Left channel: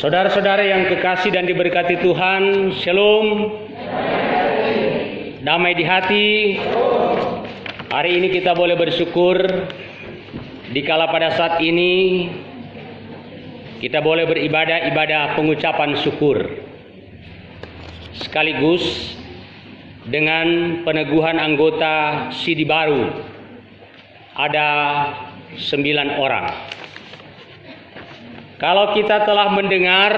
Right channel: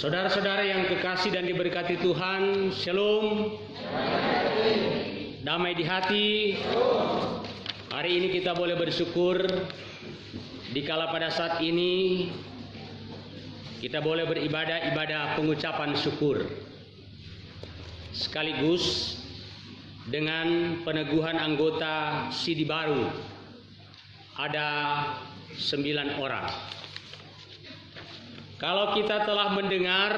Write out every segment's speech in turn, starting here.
Saudara-saudara yang kekasih dan diberkati Tuhan, Shalom. Damai di hati. Hari ini kita boleh bersyukur dikala pada saat ini kita boleh beribadah ibadah pengucapan syukur sekaligus dengan peneguhan anggota Sidi baru. Ada 9 orang. Kalau kita telah mendengar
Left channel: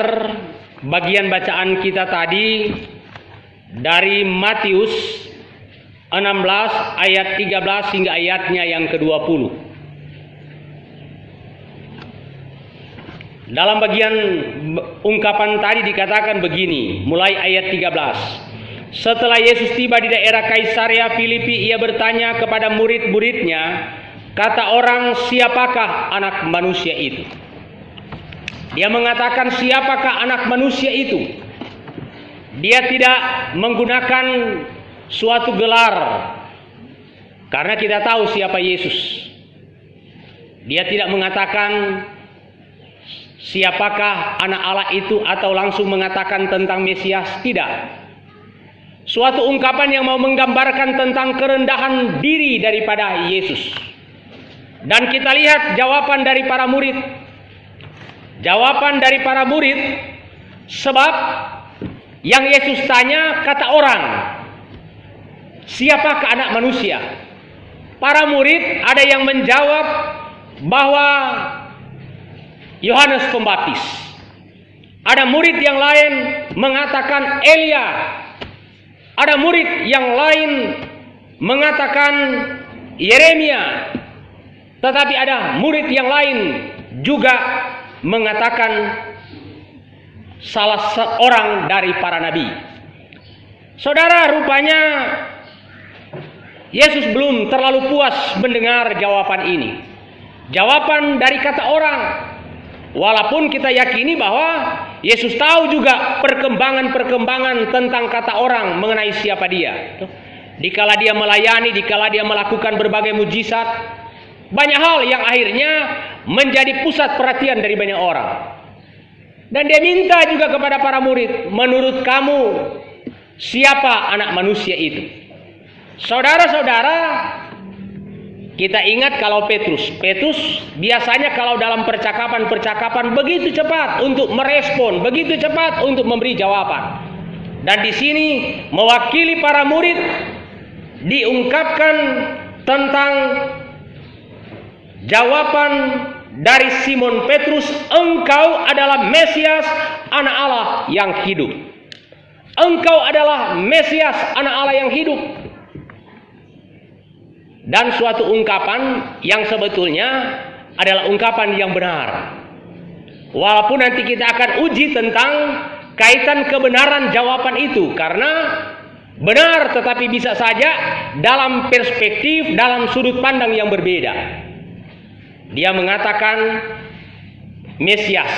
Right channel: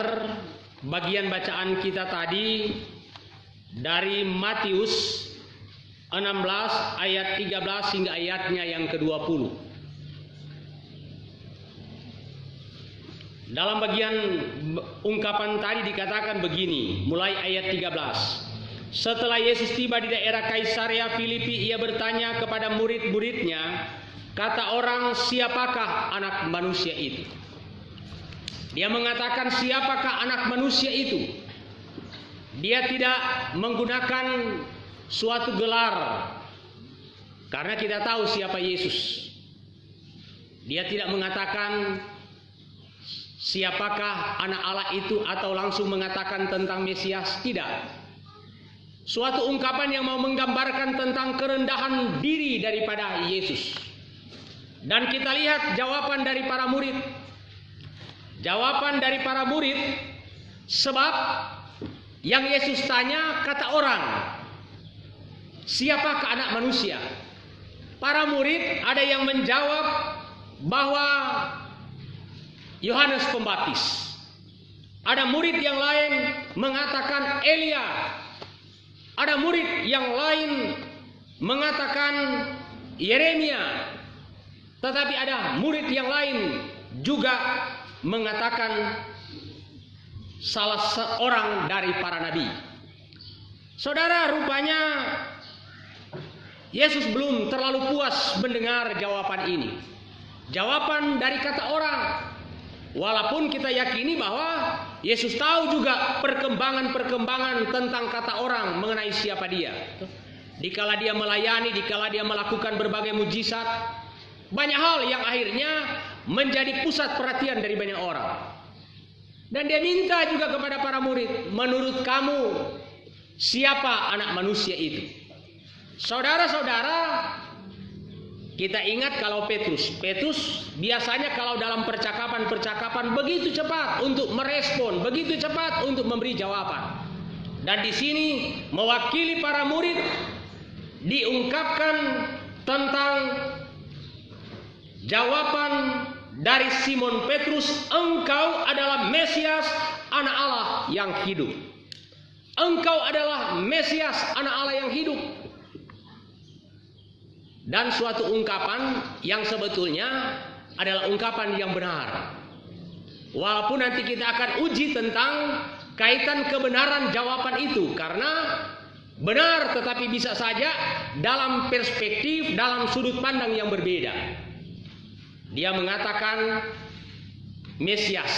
bagian bacaan kita tadi dari Matius 16 ayat 13 hingga ayatnya yang ke-20. Dalam bagian ungkapan tadi dikatakan begini, mulai ayat 13. Setelah Yesus tiba di daerah Kaisarea Filipi, ia bertanya kepada murid-muridnya, kata orang, siapakah anak manusia itu? Dia mengatakan, siapakah anak manusia itu? Dia tidak menggunakan suatu gelar, karena kita tahu siapa Yesus. Dia tidak mengatakan siapakah anak Allah itu atau langsung mengatakan tentang Mesias, tidak. Suatu ungkapan yang mau menggambarkan tentang kerendahan diri daripada Yesus. Dan kita lihat jawaban dari para murid. Jawaban dari para murid, sebab yang Yesus tanya, kata orang, siapakah anak manusia? Para murid ada yang menjawab bahwa Yohanes Pembaptis. Ada murid yang lain mengatakan Elia. Ada murid yang lain mengatakan Yeremia. Tetapi ada murid yang lain juga mengatakan salah seorang dari para nabi. Saudara, rupanya Yesus belum terlalu puas mendengar jawaban ini. Jawaban dari kata orang. Walaupun kita yakini bahwa Yesus tahu juga perkembangan-perkembangan tentang kata orang mengenai siapa dia. Dikala dia melayani, dikala dia melakukan berbagai mujizat, banyak hal yang akhirnya menjadi pusat perhatian dari banyak orang. Dan dia minta juga kepada para murid, menurut kamu siapa anak manusia itu? Saudara-saudara, kita ingat kalau Petrus biasanya kalau dalam percakapan-percakapan begitu cepat untuk merespon, begitu cepat untuk memberi jawaban. Dan di sini mewakili para murid diungkapkan tentang jawaban dari Simon Petrus, engkau adalah Mesias, anak Allah yang hidup. Engkau adalah Mesias, anak Allah yang hidup. Dan suatu ungkapan yang sebetulnya adalah ungkapan yang benar. Walaupun nanti kita akan uji tentang kaitan kebenaran jawaban itu, karena benar tetapi bisa saja dalam perspektif, dalam sudut pandang yang berbeda. Dia mengatakan Mesias.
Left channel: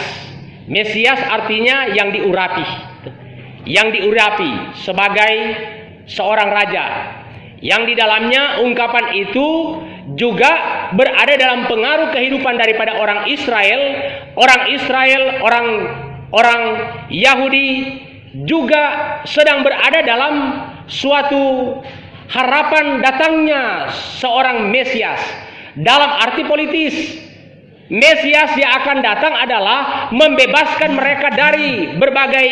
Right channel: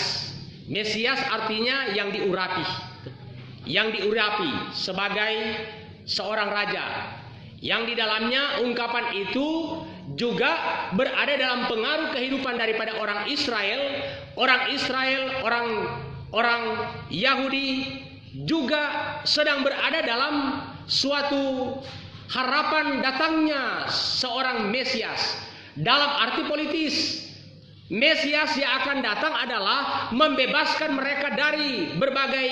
Mesias artinya yang diurapi. Yang diurapi sebagai seorang raja. Yang di dalamnya ungkapan itu juga berada dalam pengaruh kehidupan daripada orang Israel. Orang Yahudi juga sedang berada dalam suatu harapan datangnya seorang Mesias. Dalam arti politis, Mesias yang akan datang adalah membebaskan mereka dari berbagai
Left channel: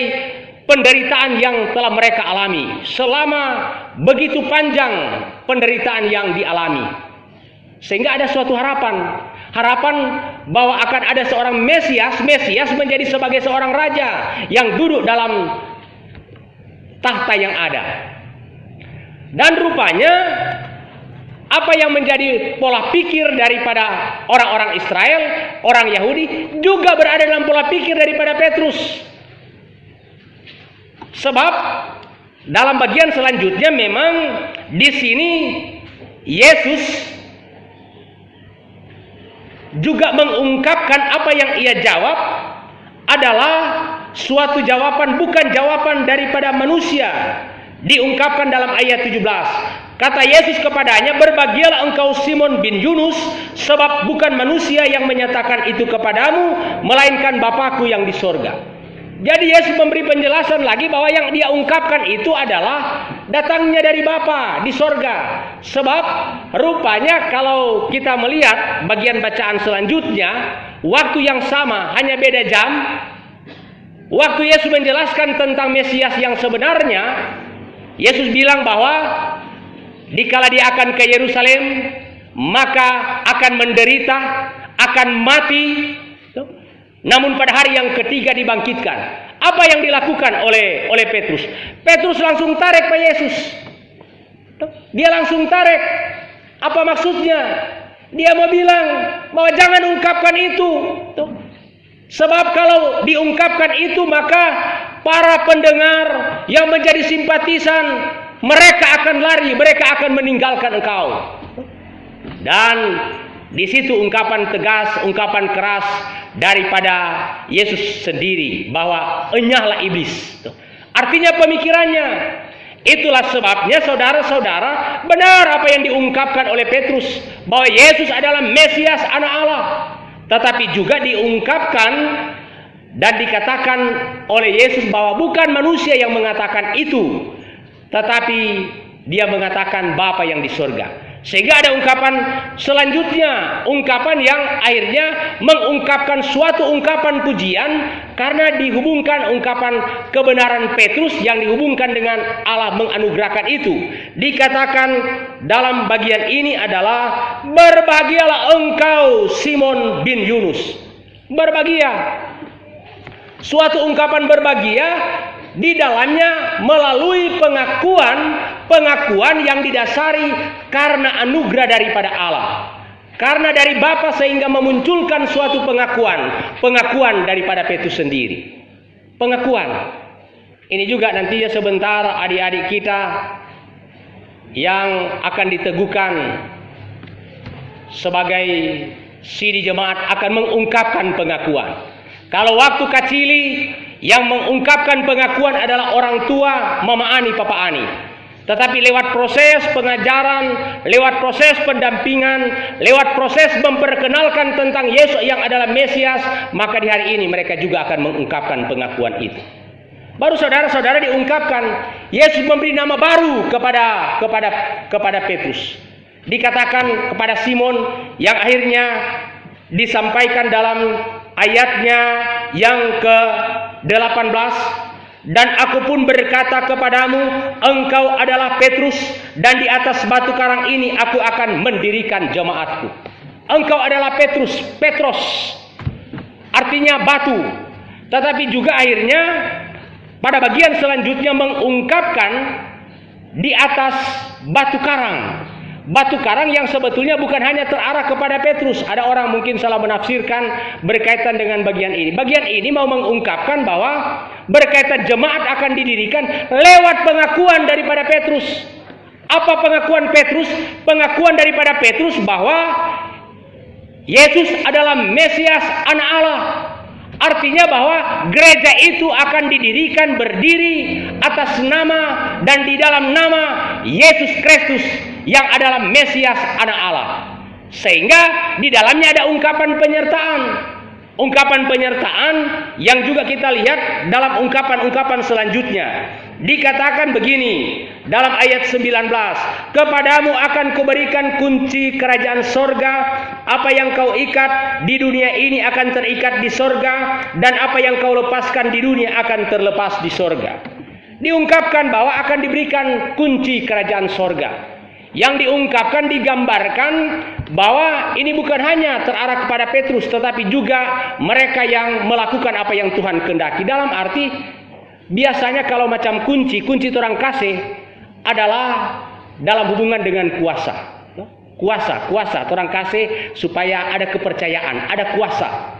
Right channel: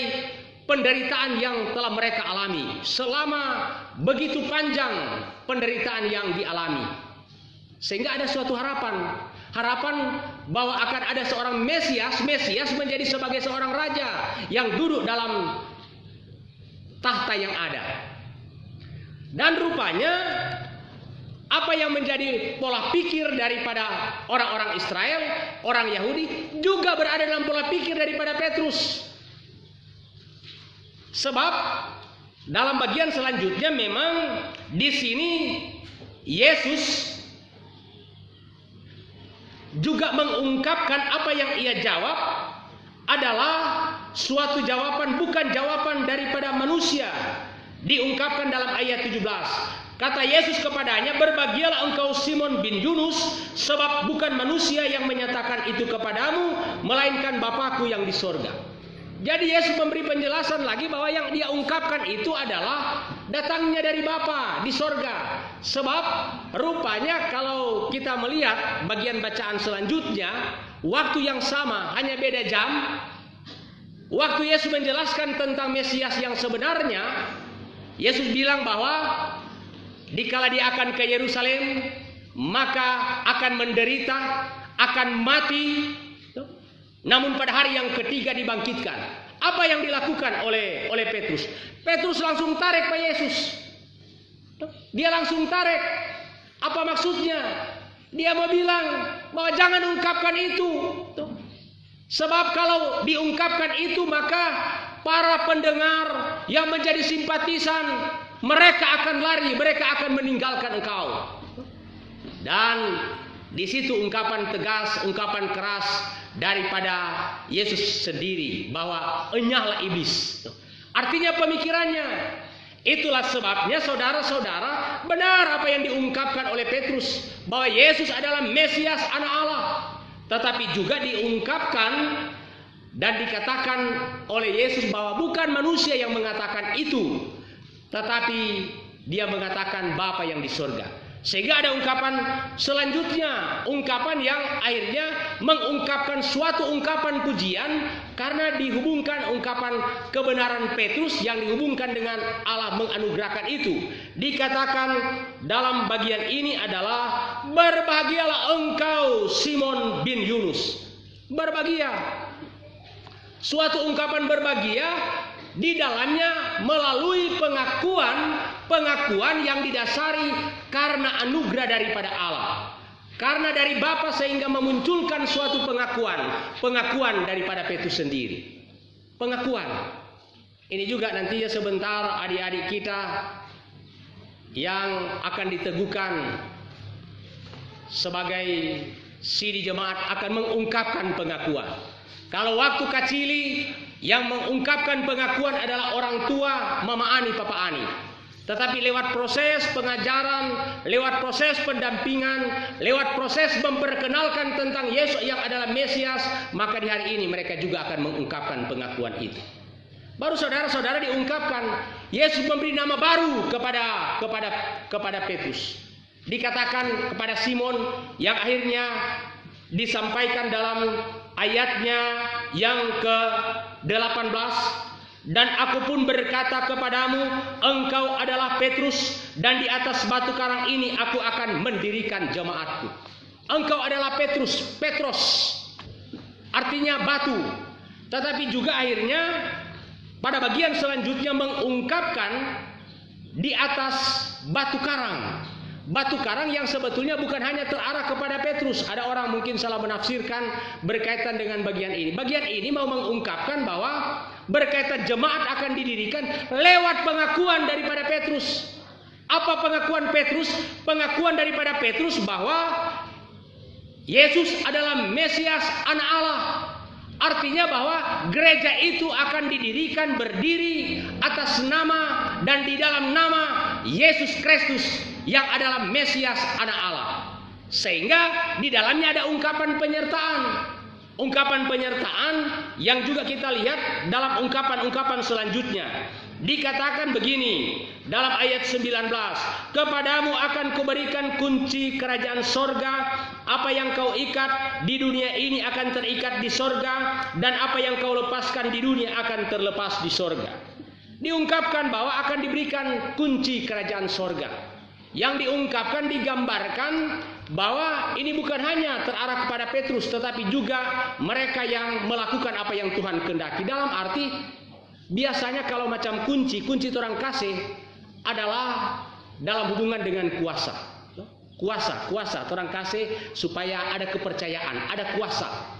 penderitaan yang telah mereka alami selama begitu panjang penderitaan yang dialami. Sehingga ada suatu harapan bahwa akan ada seorang Mesias menjadi sebagai seorang raja yang duduk dalam tahta yang ada. Dan rupanya apa yang menjadi pola pikir daripada orang-orang Israel, orang Yahudi, juga berada dalam pola pikir daripada Petrus. Sebab dalam bagian selanjutnya memang di sini Yesus juga mengungkapkan apa yang ia jawab adalah suatu jawaban, bukan jawaban daripada manusia. Diungkapkan dalam ayat 17. Kata Yesus kepadanya, berbahagialah engkau Simon bin Yunus, sebab bukan manusia yang menyatakan itu kepadamu, melainkan Bapakku yang di sorga. Jadi Yesus memberi penjelasan lagi bahwa yang dia ungkapkan itu adalah datangnya dari Bapa di sorga. Sebab rupanya kalau kita melihat bagian bacaan selanjutnya, waktu yang sama hanya beda jam. Waktu Yesus menjelaskan tentang Mesias yang sebenarnya, Yesus bilang bahwa dikala dia akan ke Yerusalem, maka akan menderita, akan mati, namun pada hari yang ketiga dibangkitkan. Apa yang dilakukan oleh Petrus? Petrus langsung tarik Pak Yesus. Dia langsung tarik. Apa maksudnya? Dia mau bilang bahwa jangan ungkapkan itu. Sebab kalau diungkapkan itu, maka para pendengar yang menjadi simpatisan, mereka akan lari, mereka akan meninggalkan engkau. Dan di situ ungkapan tegas, ungkapan keras daripada Yesus sendiri bahwa enyahlah iblis. Artinya pemikirannya. Itulah sebabnya saudara-saudara, benar apa yang diungkapkan oleh Petrus bahwa Yesus adalah Mesias, anak Allah. Tetapi juga diungkapkan dan dikatakan oleh Yesus bahwa bukan manusia yang mengatakan itu, tetapi dia mengatakan Bapa yang di surga. Sehingga ada ungkapan selanjutnya, ungkapan yang akhirnya mengungkapkan suatu ungkapan pujian karena dihubungkan ungkapan kebenaran Petrus yang dihubungkan dengan Allah menganugerahkan itu. Dikatakan dalam bagian ini adalah berbahagialah engkau Simon bin Yunus. Berbahagia. Suatu ungkapan berbahagia di dalamnya melalui pengakuan yang didasari karena anugerah daripada Allah. Karena dari Bapa sehingga memunculkan suatu pengakuan daripada Petrus sendiri. Pengakuan. Ini juga nantinya sebentar adik-adik kita yang akan diteguhkan sebagai siri jemaat akan mengungkapkan pengakuan. Kalau waktu kacili yang mengungkapkan pengakuan adalah orang tua, Mama Ani, Papa Ani. Tetapi lewat proses pengajaran, lewat proses pendampingan, lewat proses memperkenalkan tentang Yesus yang adalah Mesias, maka di hari ini mereka juga akan mengungkapkan pengakuan itu. Baru saudara-saudara diungkapkan, Yesus memberi nama baru kepada Petrus. Dikatakan kepada Simon yang akhirnya disampaikan dalam ayatnya yang ke-18, dan aku pun berkata kepadamu, engkau adalah Petrus, dan di atas batu karang ini aku akan mendirikan jemaatku. Engkau adalah Petrus, Petros, artinya batu. Tetapi juga akhirnya pada bagian selanjutnya mengungkapkan di atas batu karang. Batu karang yang sebetulnya bukan hanya terarah kepada Petrus. Ada orang mungkin salah menafsirkan berkaitan dengan bagian ini. Bagian ini mau mengungkapkan bahwa berkaitan jemaat akan didirikan lewat pengakuan daripada Petrus. Apa pengakuan Petrus? Pengakuan daripada Petrus bahwa Yesus adalah Mesias, anak Allah. Artinya bahwa gereja itu akan didirikan berdiri atas nama dan di dalam nama Yesus Kristus yang adalah Mesias, anak Allah. Sehingga di dalamnya ada ungkapan penyertaan. Ungkapan penyertaan yang juga kita lihat dalam ungkapan-ungkapan selanjutnya. Dikatakan begini dalam ayat 19, kepadamu akan kuberikan kunci kerajaan sorga, apa yang kau ikat di dunia ini akan terikat di sorga, dan apa yang kau lepaskan di dunia akan terlepas di sorga. Diungkapkan bahwa akan diberikan kunci kerajaan sorga. Yang diungkapkan, digambarkan bahwa ini bukan hanya terarah kepada Petrus, tetapi juga mereka yang melakukan apa yang Tuhan kehendaki. Dalam arti, biasanya kalau macam kunci orang kasih adalah dalam hubungan dengan kuasa. Kuasa orang kasih supaya ada kepercayaan, ada kuasa.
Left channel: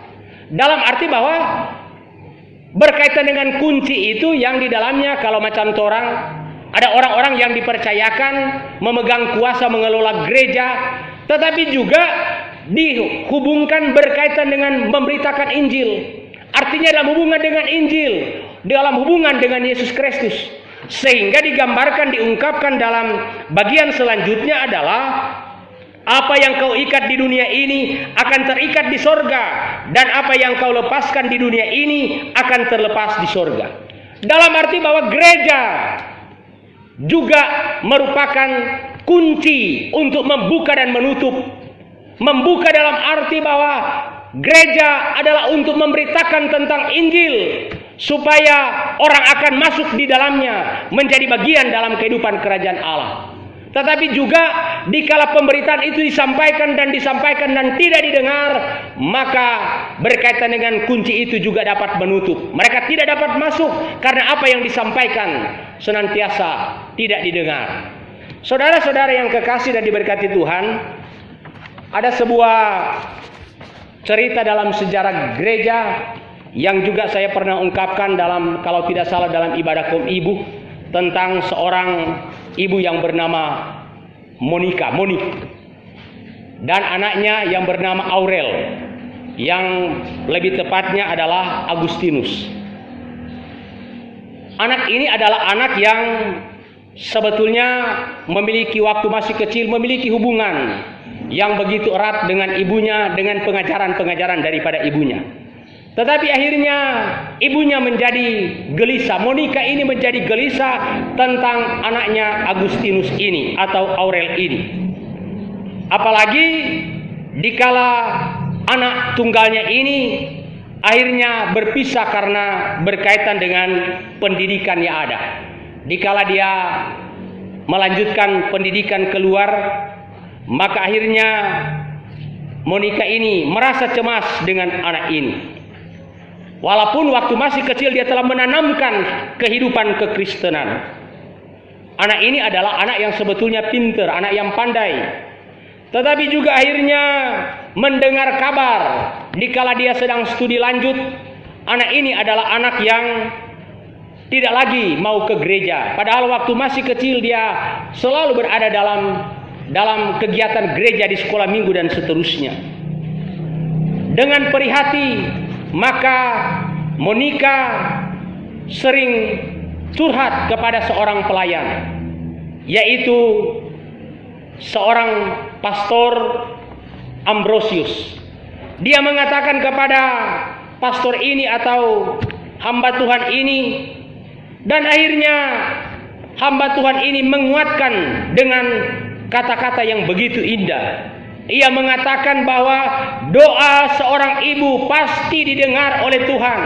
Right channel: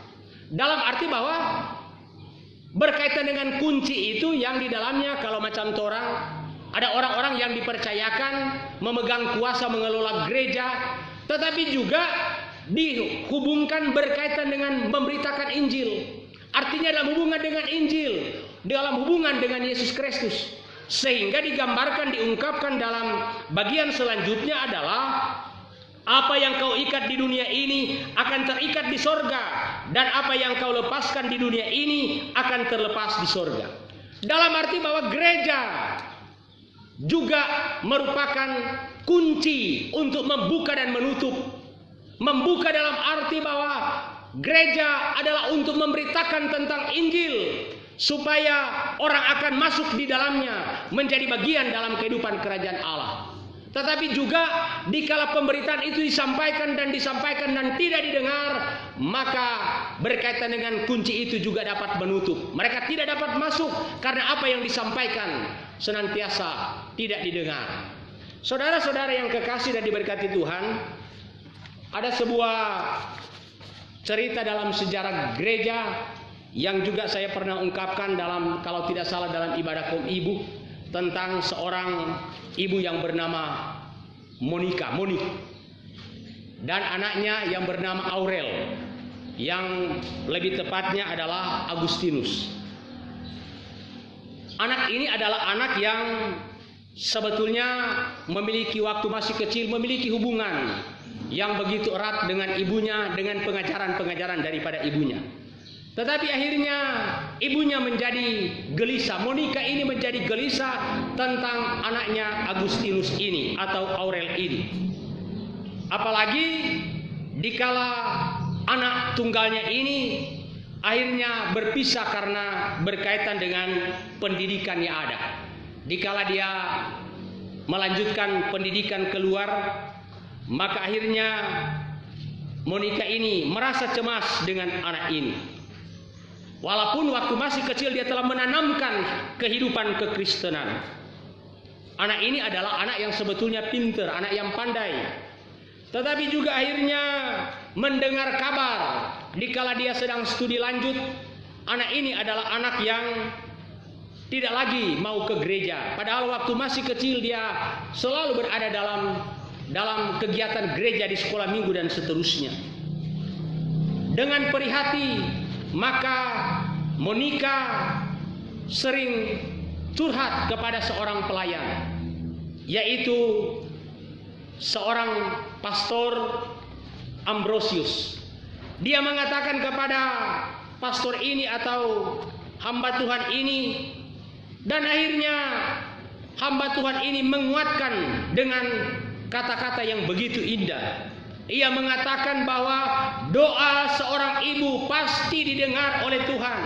Dalam arti bahwa berkaitan dengan kunci itu yang di dalamnya kalau macam orang, ada orang-orang yang dipercayakan memegang kuasa mengelola gereja, tetapi juga dihubungkan berkaitan dengan memberitakan Injil. Artinya dalam hubungan dengan Injil, dalam hubungan dengan Yesus Kristus. Sehingga digambarkan, diungkapkan dalam bagian selanjutnya adalah Apa yang kau ikat di dunia ini akan terikat di sorga, dan apa yang kau lepaskan di dunia ini akan terlepas di sorga. Dalam arti bahwa gereja juga merupakan kunci untuk membuka dan menutup. Membuka dalam arti bahwa gereja adalah untuk memberitakan tentang Injil, supaya orang akan masuk di dalamnya, menjadi bagian dalam kehidupan kerajaan Allah. Tetapi juga dikala pemberitaan itu disampaikan dan tidak didengar, maka berkaitan dengan kunci itu juga dapat menutup. Mereka tidak dapat masuk karena apa yang disampaikan senantiasa tidak didengar. Saudara-saudara yang kekasih dan diberkati Tuhan, ada sebuah cerita dalam sejarah gereja yang juga saya pernah ungkapkan dalam, kalau tidak salah, dalam ibadah kaum ibu, tentang seorang ibu yang bernama Monik, dan anaknya yang bernama Aurel, yang lebih tepatnya adalah Agustinus. Anak ini adalah anak yang sebetulnya memiliki, waktu masih kecil, memiliki hubungan yang begitu erat dengan ibunya, dengan pengajaran-pengajaran daripada ibunya. Tetapi akhirnya ibunya menjadi gelisah. Monika ini menjadi gelisah tentang anaknya Agustinus ini atau Aurel ini. Apalagi dikala anak tunggalnya ini akhirnya berpisah karena berkaitan dengan pendidikan yang ada. Dikala dia melanjutkan pendidikan keluar, maka akhirnya Monika ini merasa cemas dengan anak ini. Walaupun waktu masih kecil dia telah menanamkan kehidupan kekristenan. Anak ini adalah anak yang sebetulnya pintar, anak yang pandai. Tetapi juga akhirnya mendengar kabar dikala dia sedang studi lanjut, anak ini adalah anak yang tidak lagi mau ke gereja. Padahal waktu masih kecil dia selalu berada dalam kegiatan gereja di sekolah minggu dan seterusnya. Dengan perhati, maka Monika sering curhat kepada seorang pelayan, yaitu seorang pastor Ambrosius. Dia mengatakan kepada pastor ini atau hamba Tuhan ini, dan akhirnya hamba Tuhan ini menguatkan dengan kata-kata yang begitu indah. Ia mengatakan bahwa doa seorang ibu pasti didengar oleh Tuhan.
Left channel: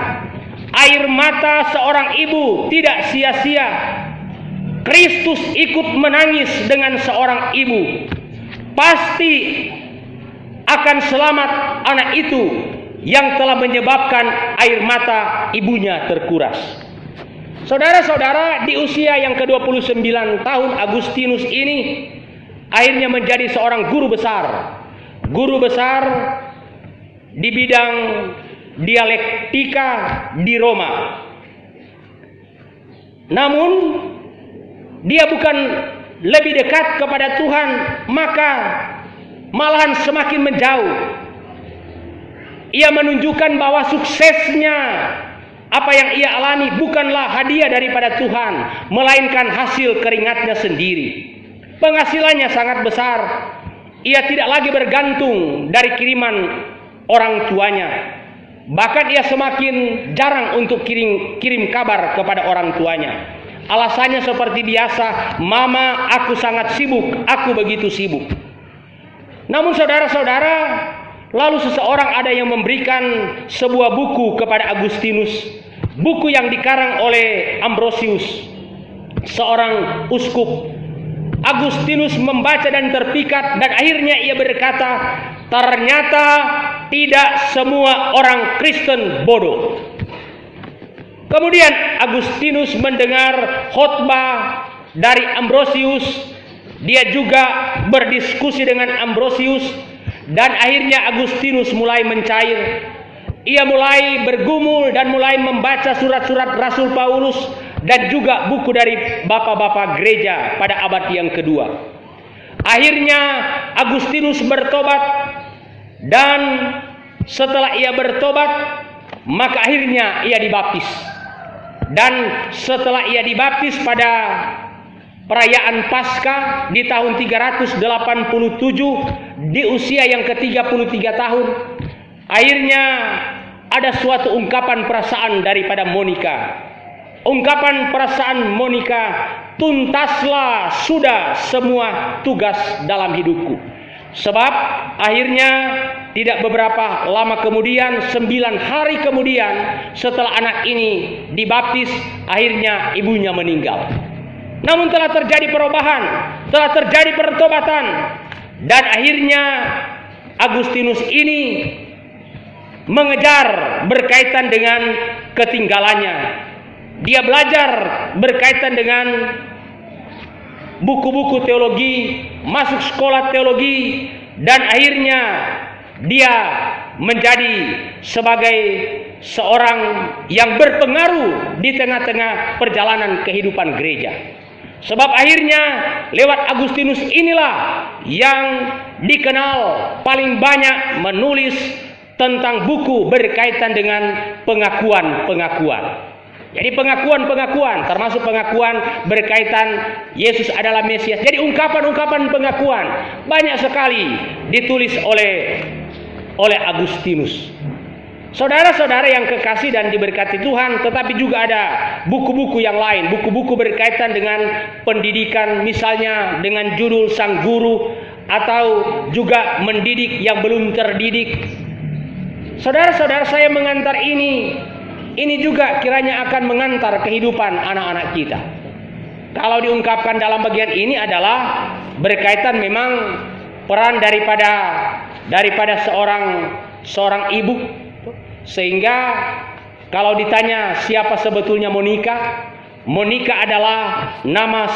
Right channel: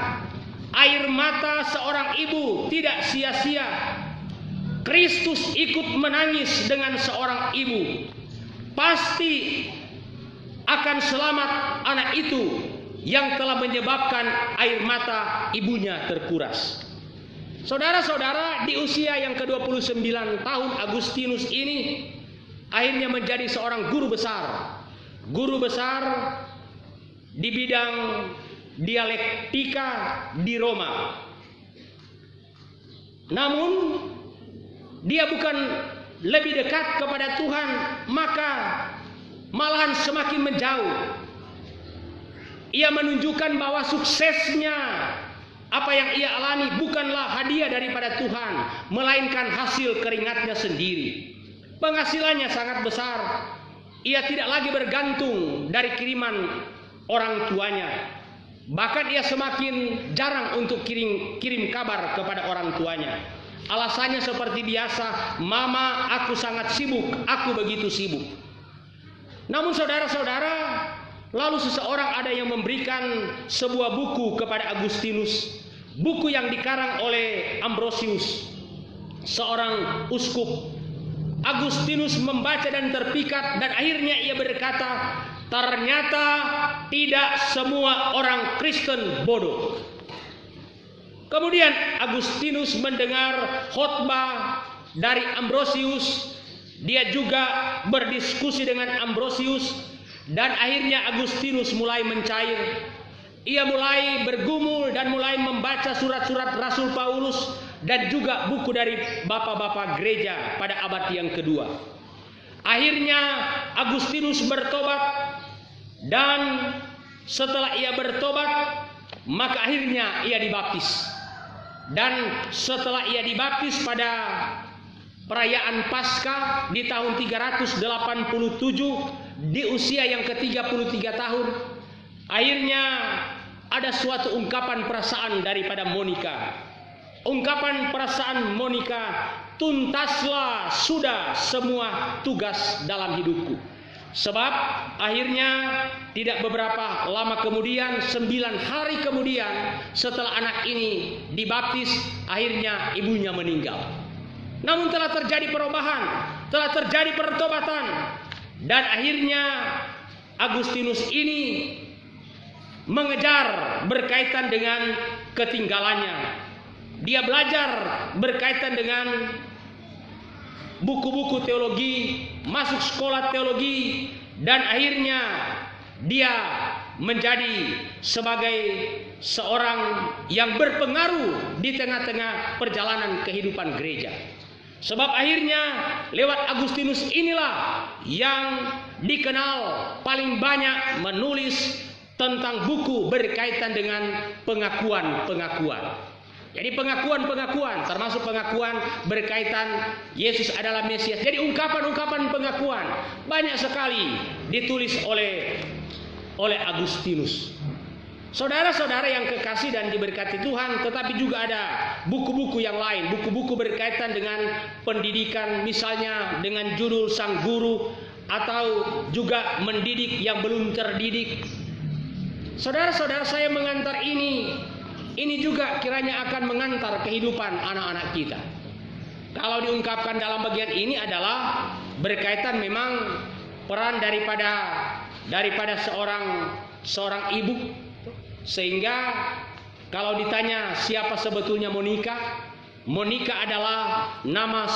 Air mata seorang ibu tidak sia-sia. Kristus ikut menangis dengan seorang ibu. Pasti akan selamat anak itu yang telah menyebabkan air mata ibunya terkuras. Saudara-saudara, di usia yang ke-29 tahun Agustinus ini akhirnya menjadi seorang guru besar di bidang dialektika di Roma. Namun dia bukan lebih dekat kepada Tuhan, maka malahan semakin menjauh. Ia menunjukkan bahwa suksesnya, apa yang ia alami, bukanlah hadiah daripada Tuhan, melainkan hasil keringatnya sendiri. Penghasilannya sangat besar. Ia tidak lagi bergantung dari kiriman orang tuanya. Bahkan ia semakin jarang untuk kirim kabar kepada orang tuanya. Alasannya seperti biasa, "Mama, aku sangat sibuk, aku begitu sibuk." Namun saudara-saudara, lalu seseorang ada yang memberikan sebuah buku kepada Agustinus. Buku yang dikarang oleh Ambrosius, seorang uskup. Agustinus membaca dan terpikat, dan akhirnya ia berkata, ternyata tidak semua orang Kristen bodoh. Kemudian Agustinus mendengar khotbah dari Ambrosius. Dia juga berdiskusi dengan Ambrosius, dan akhirnya Agustinus mulai mencair. Ia mulai bergumul dan mulai membaca surat-surat Rasul Paulus dan juga buku dari bapak-bapak gereja pada abad yang kedua. Akhirnya Agustinus bertobat, dan setelah ia bertobat, maka akhirnya ia dibaptis. Dan setelah ia dibaptis pada perayaan Paskah di tahun 387 di usia yang ke-33 tahun. Akhirnya ada suatu ungkapan perasaan daripada Monica. Ungkapan perasaan Monica, tuntaslah sudah semua tugas dalam hidupku. Sebab akhirnya tidak beberapa lama kemudian, 9 hari kemudian setelah anak ini dibaptis, akhirnya ibunya meninggal. Namun telah terjadi perubahan, telah terjadi pertobatan, dan akhirnya Agustinus ini mengejar berkaitan dengan ketinggalannya. Dia belajar berkaitan dengan buku-buku teologi, masuk sekolah teologi, dan akhirnya dia menjadi sebagai seorang yang berpengaruh di tengah-tengah perjalanan kehidupan gereja. Sebab akhirnya lewat Agustinus inilah yang dikenal paling banyak menulis tentang buku berkaitan dengan pengakuan-pengakuan. Jadi pengakuan-pengakuan, termasuk pengakuan berkaitan Yesus adalah Mesias. Jadi ungkapan-ungkapan pengakuan banyak sekali ditulis oleh Agustinus. Saudara-saudara yang kekasih dan diberkati Tuhan, tetapi juga ada buku-buku yang lain, buku-buku berkaitan dengan pendidikan, misalnya dengan judul Sang Guru, atau juga mendidik yang belum terdidik. Saudara-saudara, saya mengantar ini juga kiranya akan mengantar kehidupan anak-anak kita. Kalau diungkapkan dalam bagian ini adalah berkaitan memang peran daripada seorang ibu. Sehingga kalau ditanya siapa sebetulnya Monica, Monica adalah nama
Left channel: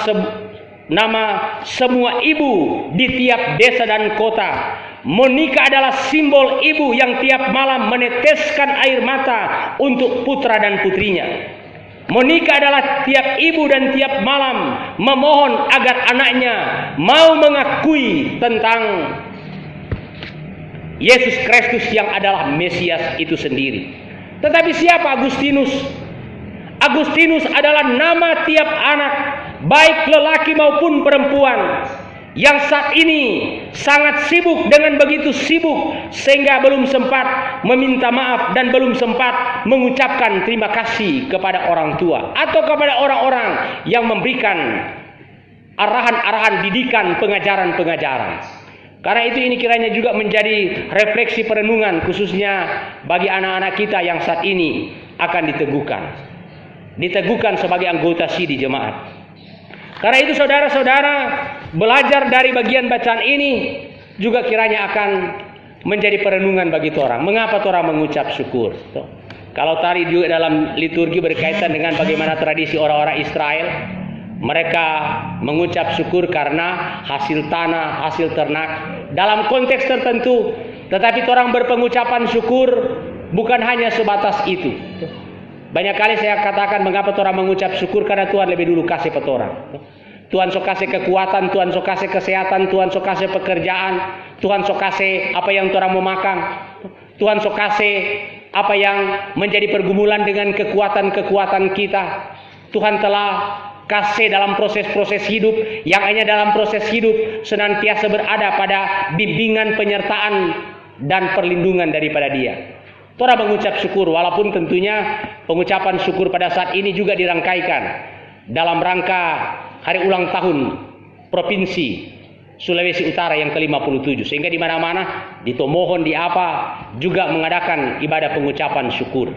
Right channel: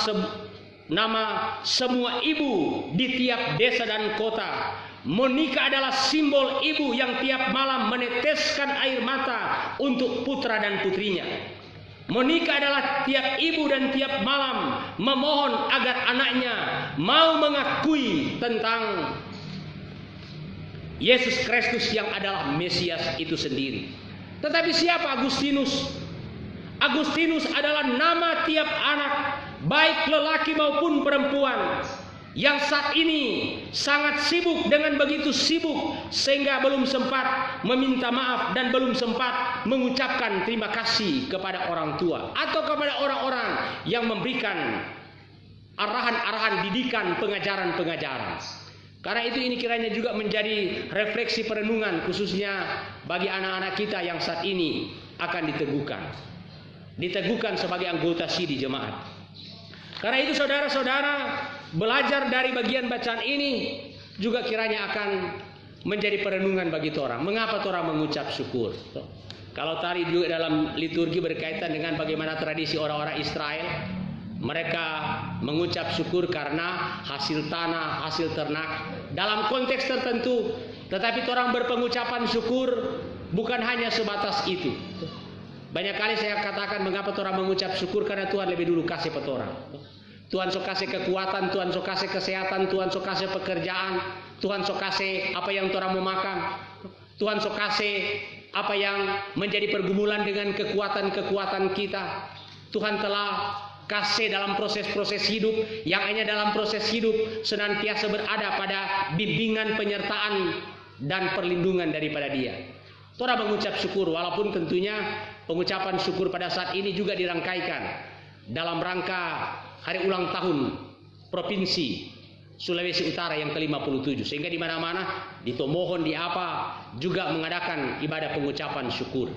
semua ibu di tiap desa dan kota. Monica adalah simbol ibu yang tiap malam meneteskan air mata untuk putra dan putrinya. Monica adalah tiap ibu dan tiap malam memohon agar anaknya mau mengakui tentang Yesus Kristus yang adalah Mesias itu sendiri. Tetapi siapa Agustinus? Agustinus adalah nama tiap anak, baik lelaki maupun perempuan, yang saat ini sangat sibuk dengan begitu sibuk sehingga belum sempat meminta maaf dan belum sempat mengucapkan terima kasih kepada orang tua atau kepada orang-orang yang memberikan arahan-arahan didikan, pengajaran-pengajaran. Karena itu ini kiranya juga menjadi refleksi perenungan khususnya bagi anak-anak kita yang saat ini akan diteguhkan sebagai anggota sidi jemaat. Karena itu saudara-saudara, belajar dari bagian bacaan ini juga kiranya akan menjadi perenungan bagi orang. Mengapa orang mengucap syukur? Kalau tadi juga dalam liturgi berkaitan dengan bagaimana tradisi orang-orang Israel, mereka mengucap syukur karena hasil tanah, hasil ternak dalam konteks tertentu. Tetapi orang berpengucapan syukur bukan hanya sebatas itu. Banyak kali saya katakan mengapa orang mengucap syukur, karena Tuhan lebih dulu kasih pada orang. Tuhan sok kasih kekuatan, Tuhan sok kasih kesehatan, Tuhan sok kasih pekerjaan, Tuhan sok kasih apa yang orang mau makan, Tuhan sok kasih apa yang menjadi pergumulan dengan kekuatan-kekuatan kita. Tuhan telah kasih dalam proses-proses hidup yang hanya dalam proses hidup senantiasa berada pada bimbingan, penyertaan dan perlindungan daripada Dia. Tora mengucap syukur, walaupun tentunya pengucapan syukur pada saat ini juga dirangkaikan dalam rangka hari ulang tahun Provinsi Sulawesi Utara yang ke-57, sehingga di mana-mana di Tomohon, di apa juga mengadakan ibadah pengucapan syukur.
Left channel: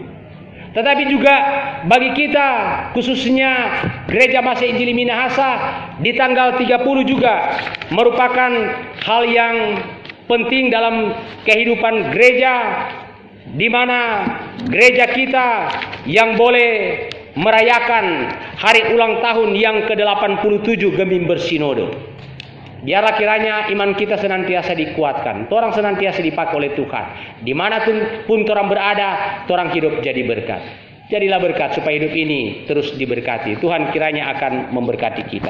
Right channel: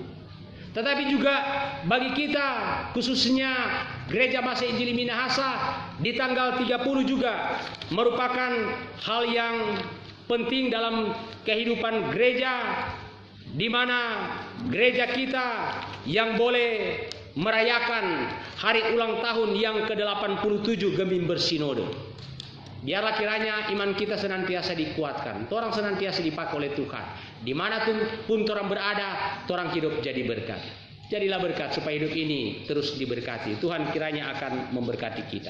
Tetapi juga bagi kita, khususnya Gereja Masih Injili Minahasa, di tanggal 30 juga merupakan hal yang penting dalam kehidupan gereja, di mana gereja kita yang boleh merayakan hari ulang tahun yang ke-87 Gemim Bersinode. Biarlah kiranya iman kita senantiasa dikuatkan, orang senantiasa dipakai oleh Tuhan. Dimanapun orang berada, orang hidup jadi berkat. Jadilah berkat supaya hidup ini terus diberkati. Tuhan kiranya akan memberkati kita.